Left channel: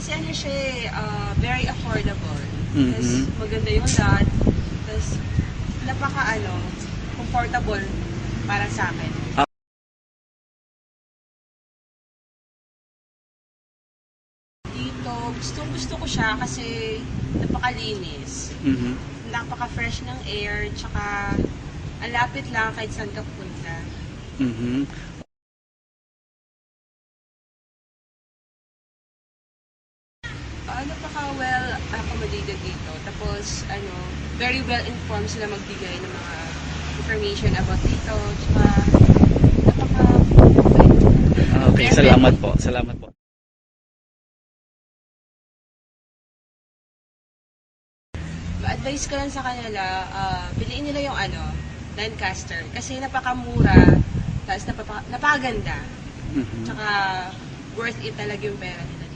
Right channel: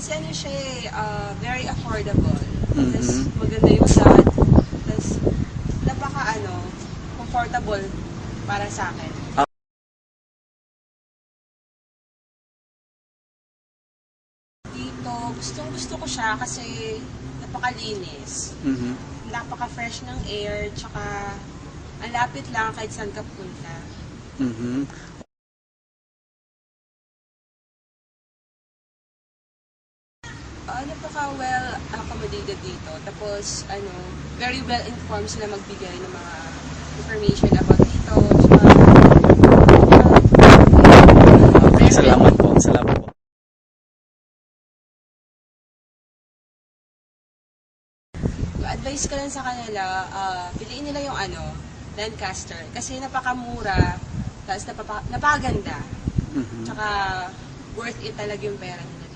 Kasi ano siya very affordable. Mhm. Tapos maganda yung dot. Tapos comfortable para sa akin. Dito, gusto ko siya kasi napakalinis. Mhm. Napaka-fresh ng air, tsaka ang lapit lang kahit saan ka punta. Mhm. Napaka-well accommodated dito. Tapos, very well informed sila magbigay ng mga information about dito. Tsaka, Okay, salamat po. Salamat po. advice ko lang sa kanila, piliin nila yung Lancaster. Kasi napakamura, tapos napakaganda. Mhm. Tsaka worth it talaga yung pera nila.